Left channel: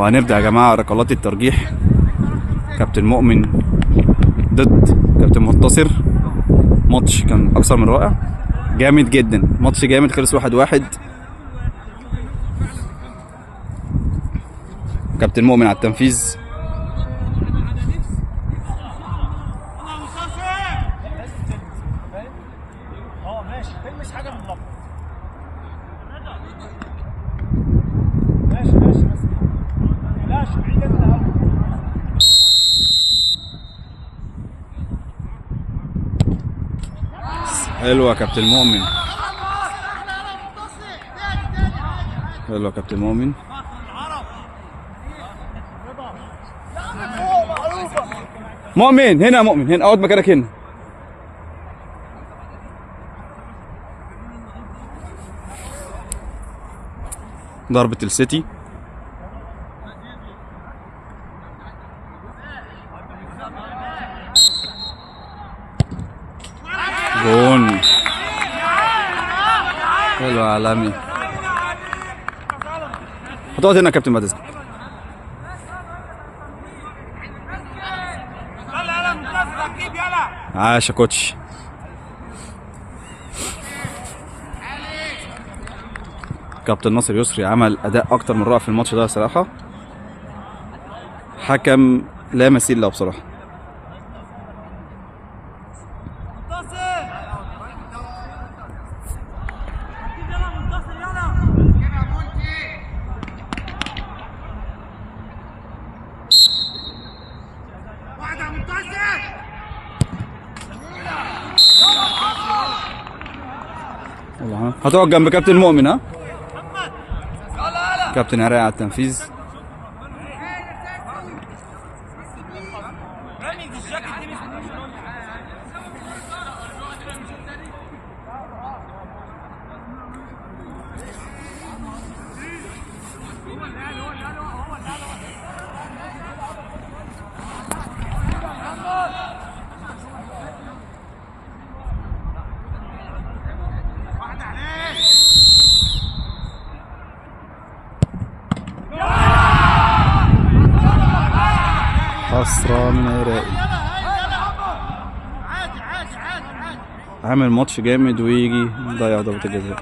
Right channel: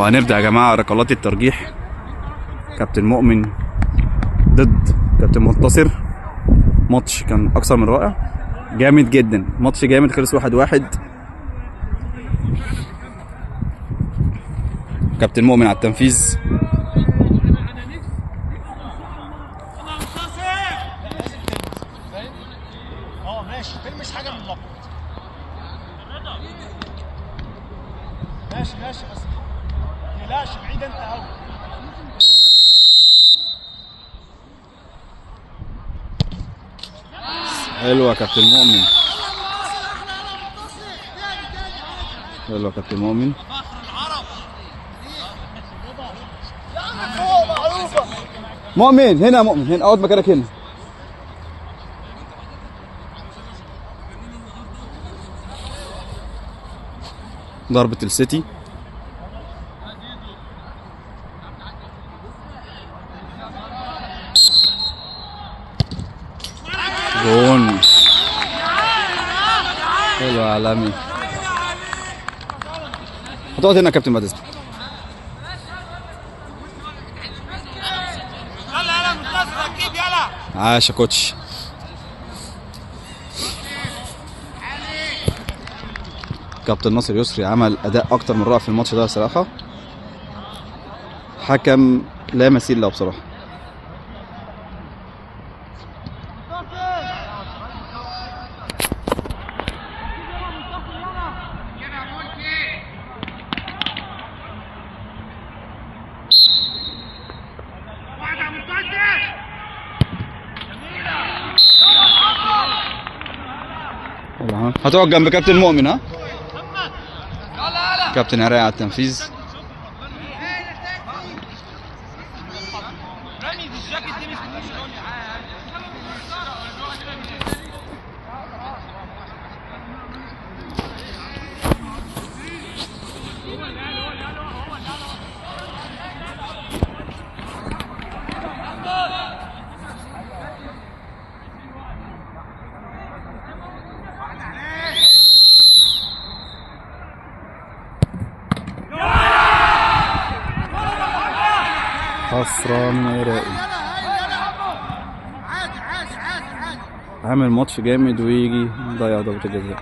وهنبدأ يا جماعة ركلات الترجيح. كابتن مؤمن ضد كابتن منتصر. ماتش كان أكثر من رائع، جامد جدا، ماتش جامد، خلص 1-1. كابتن مؤمن على التنفيذ. ماشي تلمس حاجة من اللقب. ماشي بس بلاش بعيد انت قوي. حلوة يا كابتن مؤمن، حلوة يا كابتن مؤمن. مؤمن هنا، مؤمن هنا، اقعد مكانك هنا. ضربة السيتي. جون حلو عالمي. هتقعد هنا يا كابتن بعد اذنك. عاش يا كوتش. كابتن ناصر يسري عمل اداء اكتر من رائع في الماتش ده صراحه. حكم لا مثيل له بصراحه. هتقعد جنب كابتن مؤمن. ها كابتن عراقي على التنفيذ. حسرة من عراقي، عامل ماتش جامد ويجي ضيع ضربة الجزاء.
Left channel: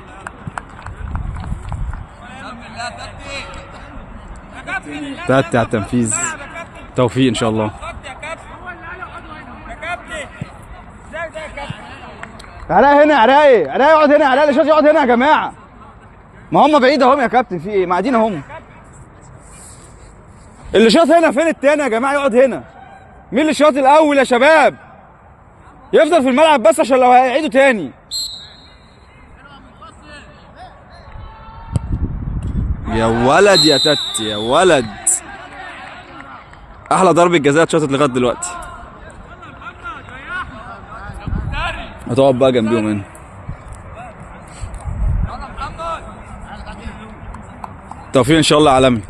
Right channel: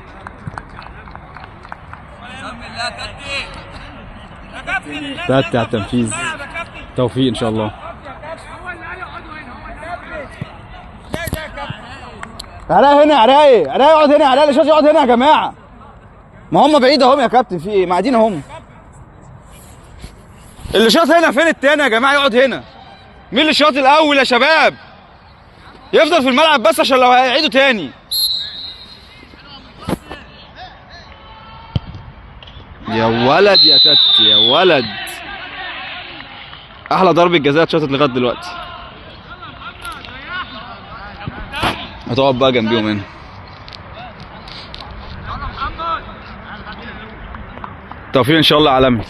تاتي على التنفيذ. توفيق ان شاء الله. عراقي هنا، عراقي يقعد هنا، عراقي اللي يقعد هنا يا جماعة. ما هم بعيد اهم يا كابتن، في ايه؟ ما قاعدين اهم. اللي شاط هنا فين التاني يا جماعه؟ يقعد هنا. مين اللي شاط الاول يا شباب؟ يفضل في الملعب بس عشان لو هيعيدوا تاني. يا ولد يا تت يا ولد، احلى ضربه جزاء اتشاطت لغايه دلوقتي. هتقعد بقى جنبيهم هنا. توفيق ان شاء الله عالمي.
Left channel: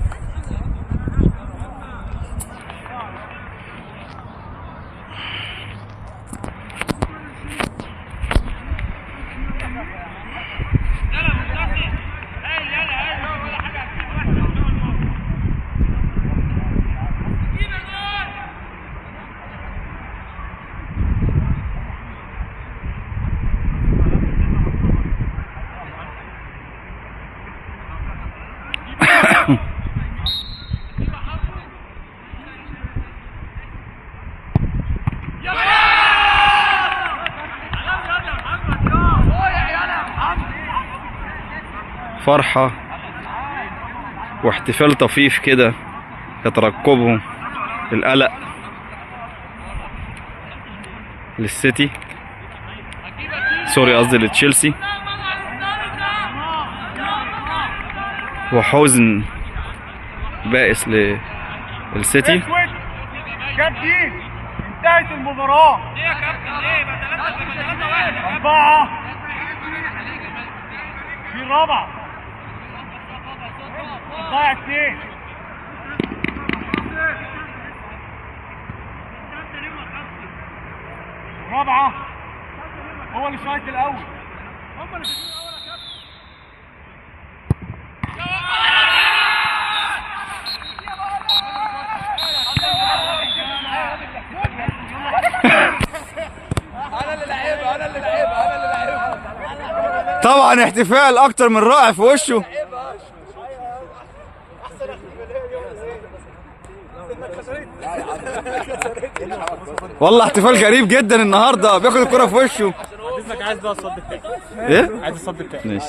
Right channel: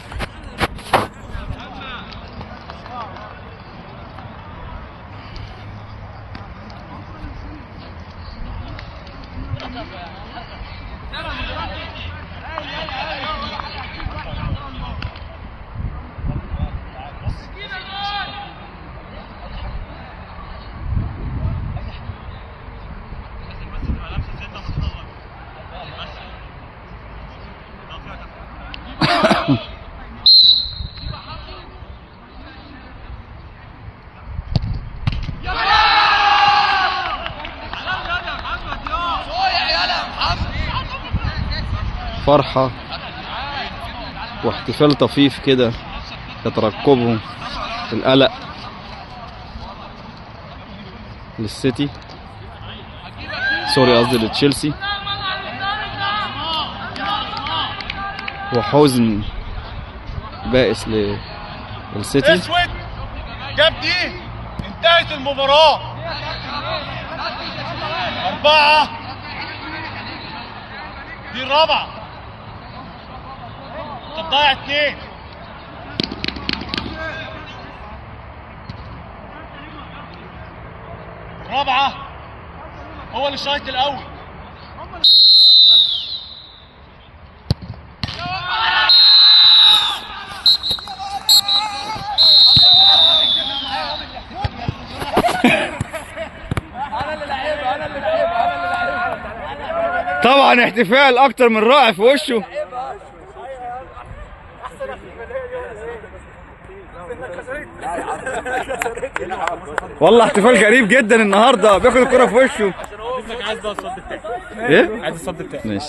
فرحة واحتفال طفيف كده يترقبهم القلق للسيتي، سوري قصدي لتشيلسي، وحزن بائس للسيتي. جاب دي انتهت المباراة 4. دي الرابعة، انت ضايع 2. الرابعة هو اللي شايط الأول. طبعا احتفال اكتر من رائع في وشه. والله احتفال غريب جدا النهارده، بياخد الكرة في وشه. عايز ده الصد بتاعي. ايه؟ عايز الصد بتاعي. ماشي.